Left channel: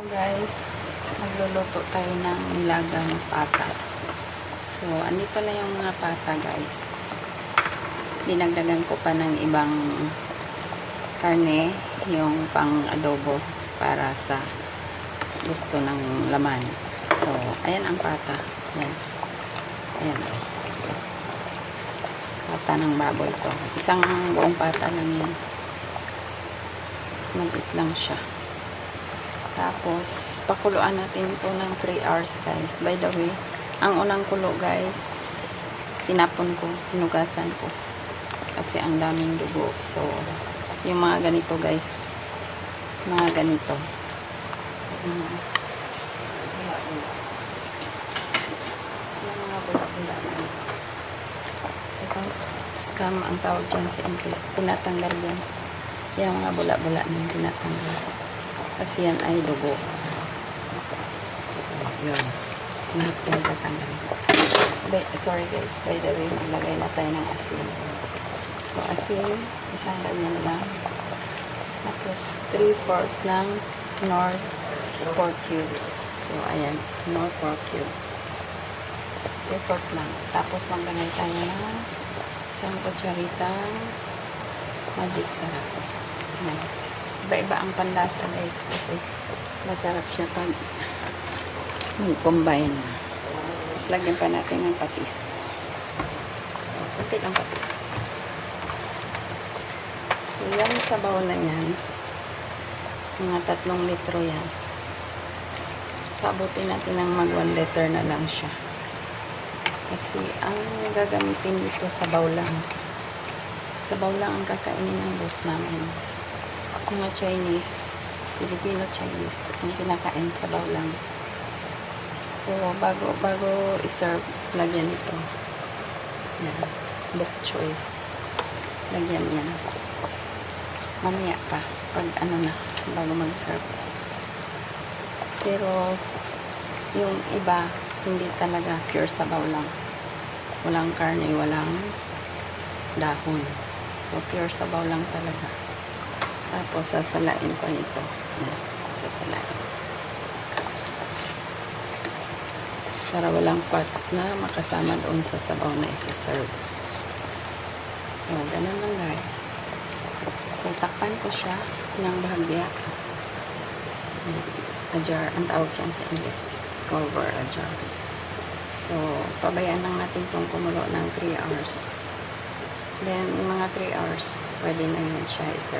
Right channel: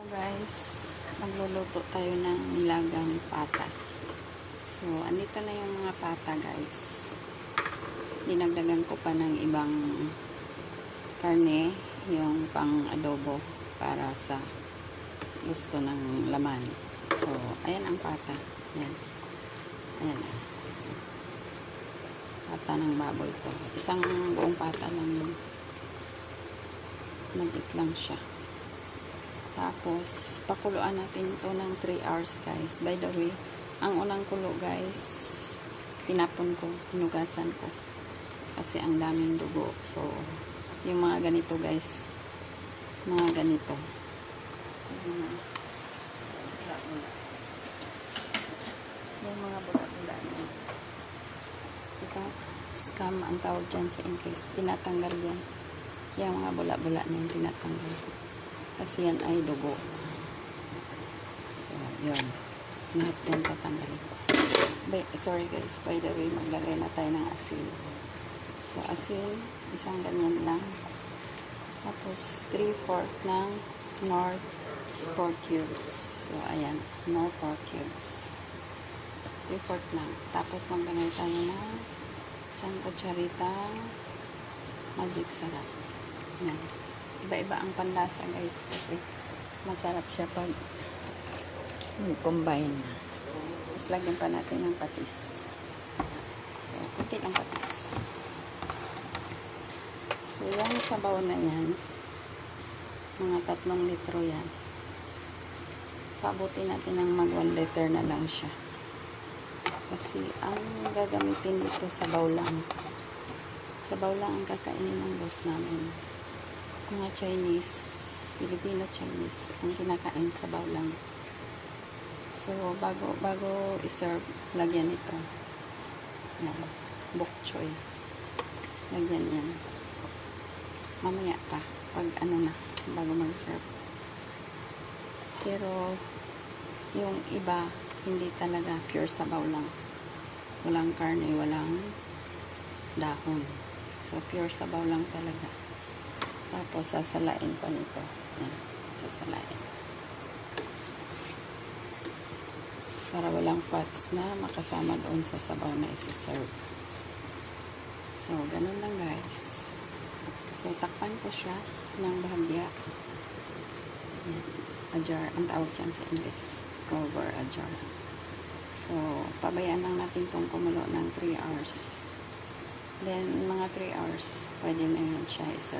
Guys, magluluto tayo ng nilagang pata. So, andito na yung mga pata, guys. Dinagdagan ko pa ng ibang karne, yung pang adobo para sa gusto ng laman. So, ayan ang pata. Ayan. Ayan. Pata ng baboy ko. Isang buong pata lang yan. Maliit lang siya. Tapos, pakuluan natin ito ng 3 hours, guys. By the way, ang unang kulo, guys, tinapon ko, hinugasan ko. Kasi ang daming dugo. So, yung mga ganito, guys. Mga ganito. Yung mga bula-bula na. Ito, scam ang tawag dyan sa English. Tinatanggal yan. Yung mga bula-bula na yung tinatanggal. Kasi yan ay dugo. So, yun. Lahat yung tatanggal. Sorry guys, by the way, maglagay na tayo ng asin. So, asin, isang ganyan lang. Tapos, 3/4 ng Knorr pork cubes. So, ayan, Knorr pork cubes. 3/4 lang. Tapos, maglagay tayo ng isang kutsaritang magic sarap. Ayan. Iba-iba ang panlasa, guys, kasi masarap siya pag combine na. Tapos lagyan pa natin ng patis. So, puti ng patis. So, yan sa bowl na yan. Mga 3 litro yan. Pabutin natin ng mag 1 liter na lang siya. Kasi ang gagamitin dito sa bowl lang. Sa bowl lang ang kakainin ng boss namin. Mga Chinese, Filipino Chinese ang kinakain sa bawlang. So, bago i-serve, lagyan ito. Yan, bok choy. Lagyan yan. Mamaya pa, pag ano na, bago mag-serve. Pero, yung iba, hindi talaga pure sa bawlang. Walang karne, walang dahon. So, pure sa bawlang talaga. Tapos, sasalain pa nito. Yan. Sasalain. Para walang fats na makasama doon sa sabaw na isa-serve. So, ganun lang guys. So, takpan ko siya ng bahagya. Ajar. Ang tawag dyan sa English. Cover ajar. So, pabayaan lang natin itong kumulo ng 3 hours. Then, mga 3 hours, pwede na yan siya i-serve.